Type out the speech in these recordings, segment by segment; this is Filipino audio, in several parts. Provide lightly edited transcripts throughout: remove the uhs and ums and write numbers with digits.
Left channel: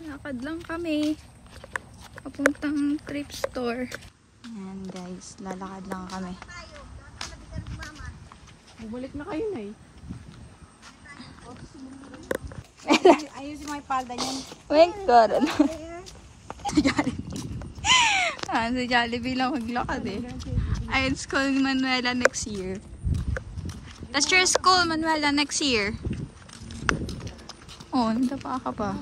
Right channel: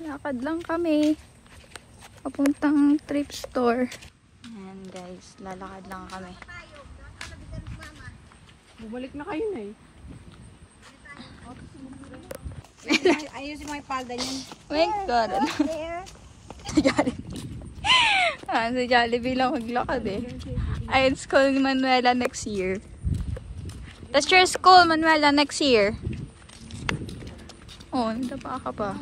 Lakad lang kami. Papuntang thrift store. Ayan guys, lalakad lang kami. Bumalik na kayo na eh. Ayusin mo yung palda niyan. My God. Si Jollibee lang maglakad eh. Ayun, school ni Manuela next year. That's your school, Manuela, next year. Oh, nandapa ka pa.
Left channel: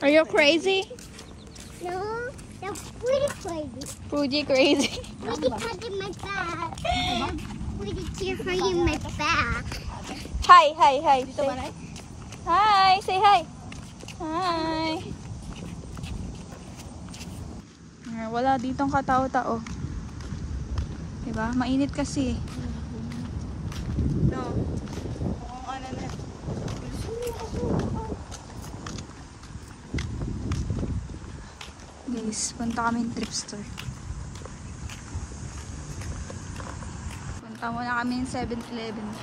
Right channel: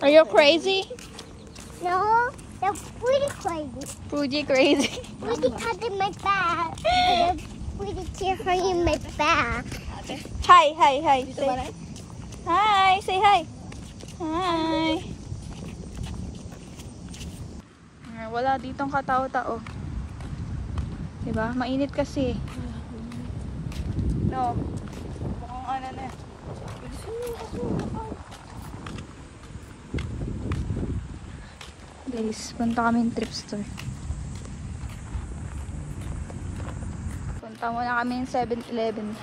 Are you crazy? No, they're pretty crazy. Fuji crazy. Pretty cut in my back. They're pretty tear in my back. Hi, hi, hi. Dito ba na? Hi, say hi. Hi. Wala ditong katao-tao. Diba? Mainit kasi. No. Guys, punta kami yung thrift store. Punta muna kami yung 7-Eleven.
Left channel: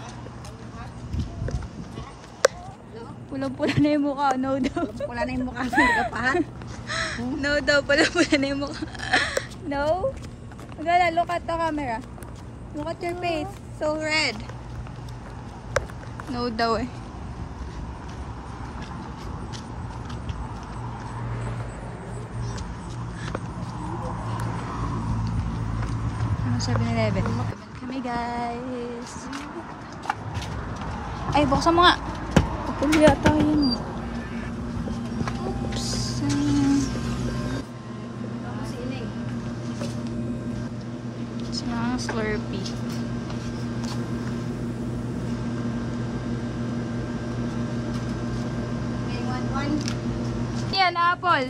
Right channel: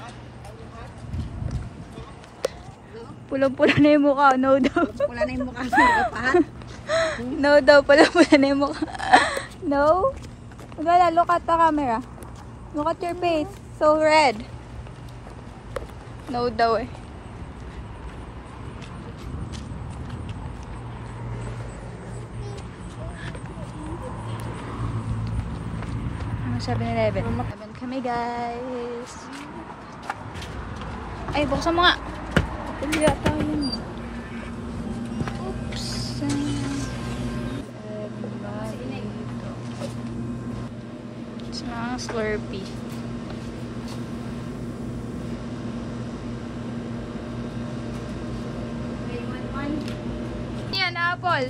Pulang-pula na yung mukha. No daw. Wala na yung mukha mo. Kapahan. No daw. Pulang-pula na yung mukha. No? Gala, look at the camera. Look at your face. So red. No daw eh. Ano 7-Eleven? Laban kami guys. Ay, buksan mo nga. Pagpuli yata yun. Oops. It's mga Slurpee. Yan, apple.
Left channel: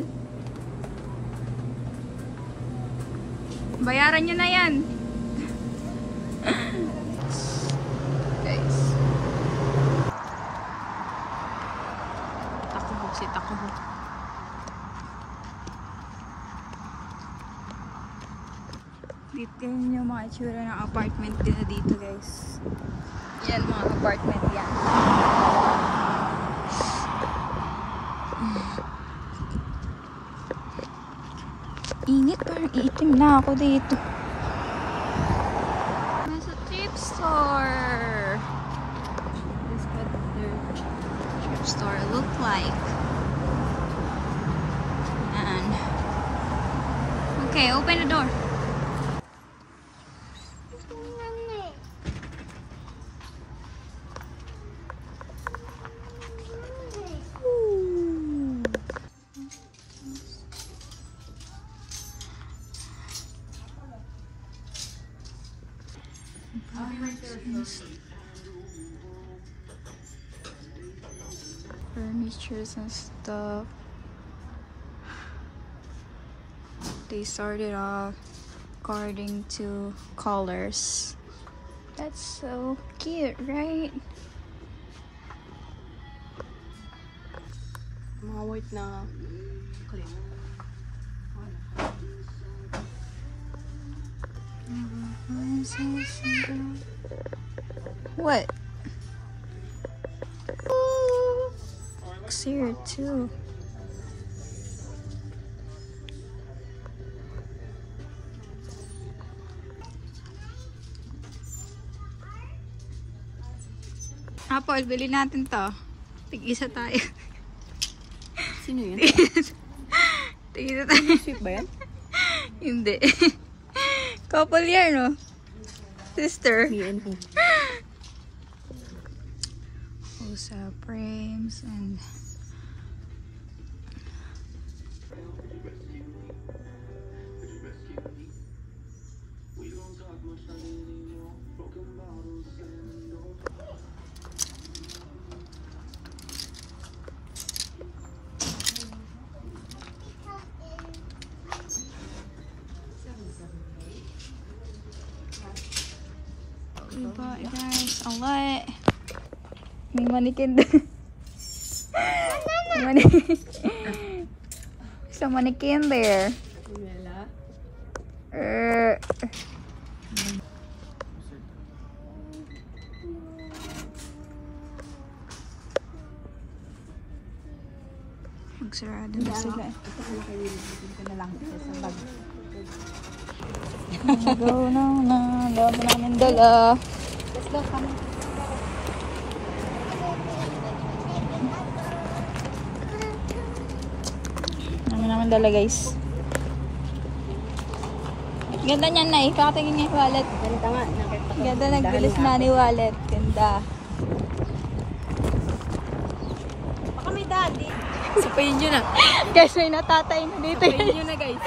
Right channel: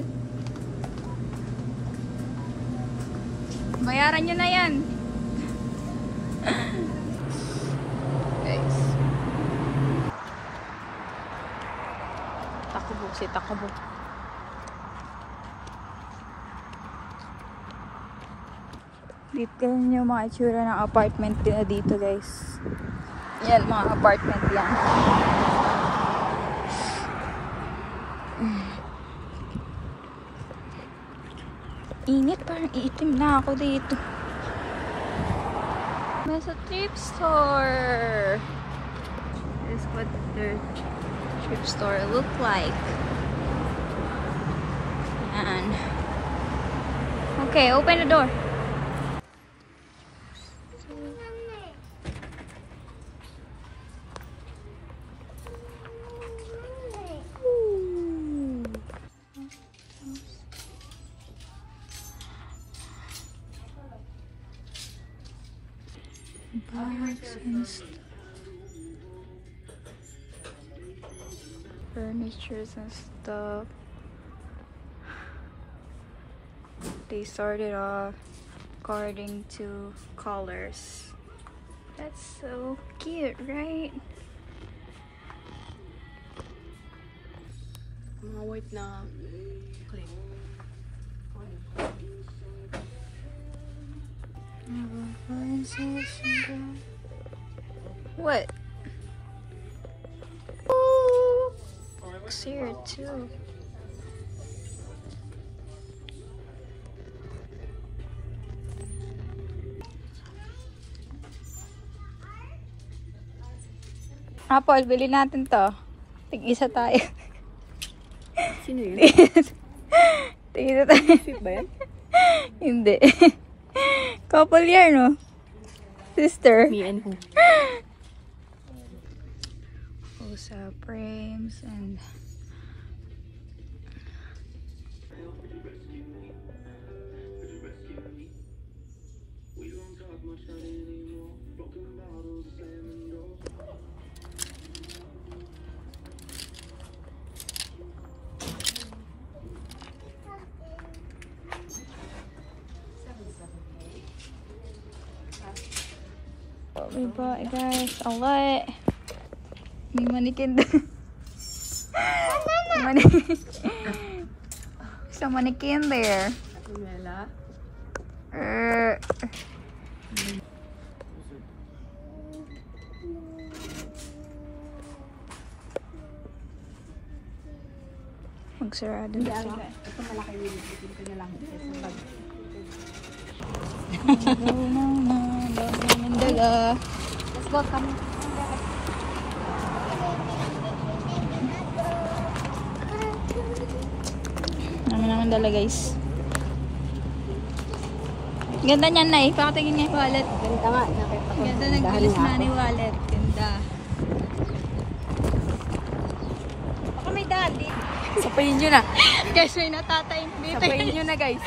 Bayaran nyo na yan. Takbo, si takbo. Dito yung mga itsura ng apartment nila dito guys. Yan, mga apartment yan. Init, parang itim na ako dito. Nasa thrift store. This is what the thrift store look like. Yan. Okay, open the door. Bags and furnitures and stuff. They started off according to colors. That's so cute, right? Mga white na clip. What? Oh, looks here too. Apple, bili natin to. Tig-isa tayo. Sino yun? Tig-isa tayo. Sweet ba yan? Hindi. Couple yan, no? Sister. Me and who? Rosa frames and we bought, guys, a lot. May mannequin din. There's a mannequin there. Mela? Magsarado na sila. Go na. Dami namin dala. Let's go, kami. Dami namin dala guys. Ganda niyan na eh. Pakatingin niya yung wallet. Ganito nga. Ganda nagbilis na ni wallet. Ganda. Baka may daddy. Sapayin nyo na. Guys, may natatay na dito. Sapayin nyo na, guys.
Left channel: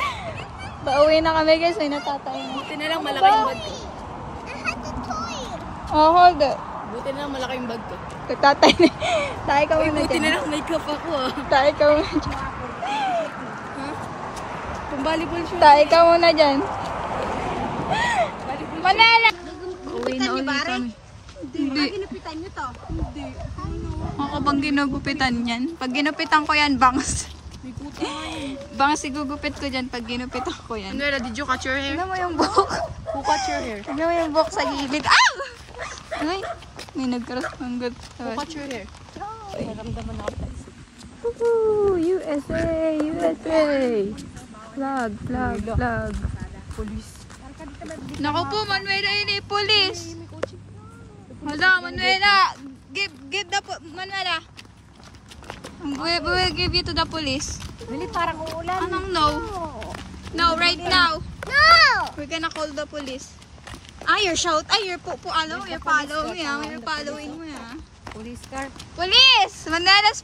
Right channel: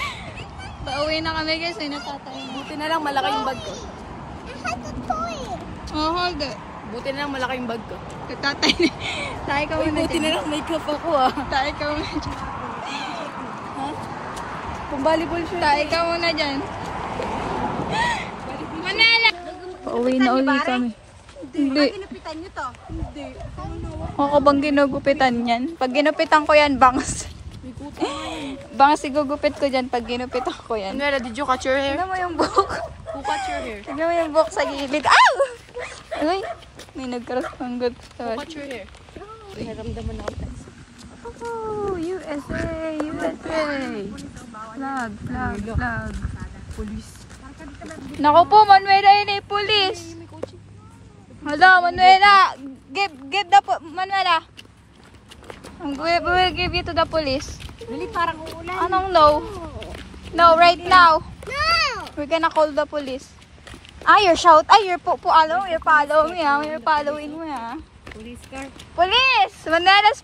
Pauwi na kami guys. May natatay na. Buti na lang malaki yung bag ko. I have the toy. Oh, hold it. Buti na lang malaki yung bag ko. Tatay na. Tayo ka Uy, muna buti na dyan. lang makeup ako ah. Tayo ka muna dyan. Pang-volleyball siya. Tayo ka muna dyan. Manila! Pauwi na uli kami. Hindi. Ginipitan nyo to. Hindi. Ako bang ginugupitan yan? Pag ginupitan ko yan, bangs. May kuta. Bangs igugupit ko dyan pag ginupitan ko yan. Nela, did you cut your hair? Tignan mo yung buhok. Who cut your hair? Tignan mo yung buhok sa gilid. Ow! Ay! May nagkaroon ng good. Who cut your hair? Naramdaman ako. Woohoo! USA! USA! Flag, flag, flag. Police. Naku po, Manuela yun eh, police. Hala, Manuela. Give the Manuela. We'll give you to the police. Dali, parang uulan. Anong no? No, right now. No. We're gonna call the police. You're shout. You're following me. You're following me. Police car. Police! Manuela's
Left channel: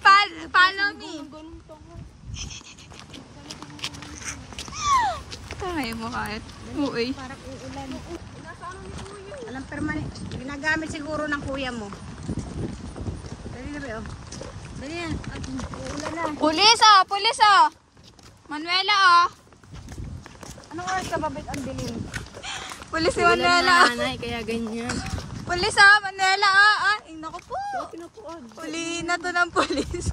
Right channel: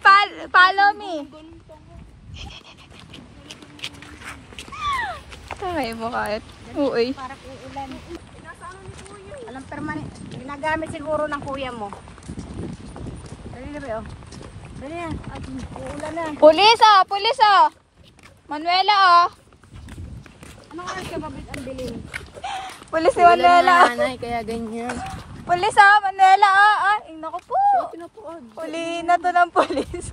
follow me. Kaya mo kahit. Uy. Anong permanent? Ginagamit siguro ng kuya mo. Dali, oh. Dali yan. Uulan na. Police Police Manuela Anong oras ka babit ang bilin? Police si Manuela Nanay, kaya ganyan. Police Manuela Naku po. Pinutuad. Ulihin na to ng police.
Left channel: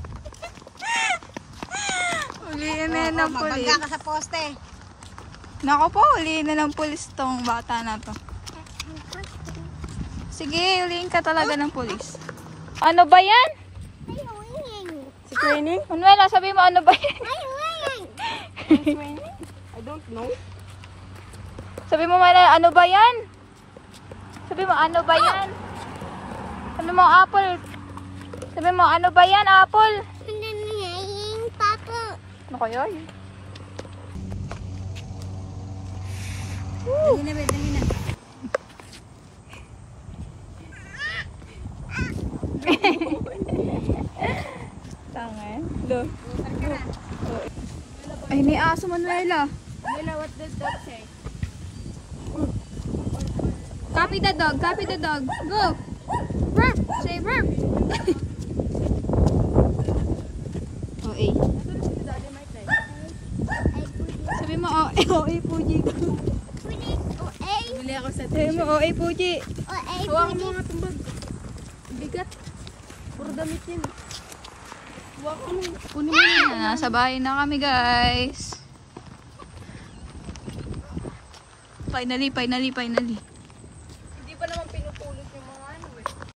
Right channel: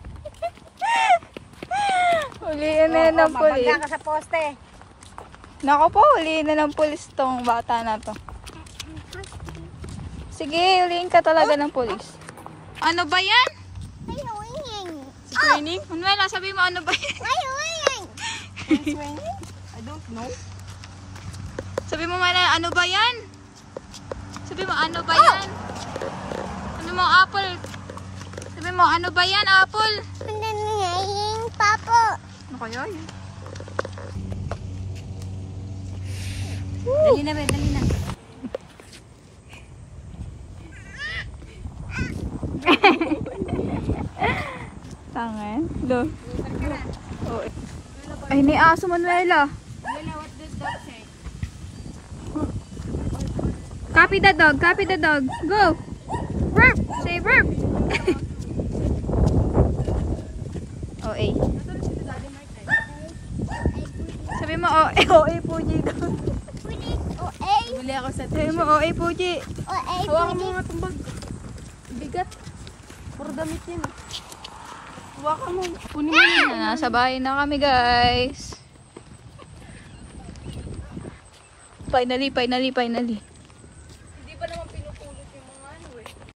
Ulihin na yan ng police. Mabangga ka sa poste. Naku po, ulihin na ng police tong bata na to. Sige, ulihin ka talaga ng police. Ano ba yan? Ay, winging. Si training? Manuela, sabi mo ano ba yan? Ay, winging. Training? I don't know. Sabi mo Manuela, ano ba yan? Sabi mo, ano ba yan? Sabi mo, apple. Sabi mo, ano ba yan, apple? Nanangaying, Papa. Ano kaya yun? Dali na, dali na. Tangan. Do. Ay, ni aso Manuela. What does that say? Copy the dog. Copy the dog. Go. Burp. Say burp. OA. Sabi mo OA Puji. Bili ako sa Sabi mo OA Puji. Hawakan mo nga itong bag. Bigat. Puro damit yun. Hawakan mo. Kunin mo na. Nasa bahay na kami guys. Finally.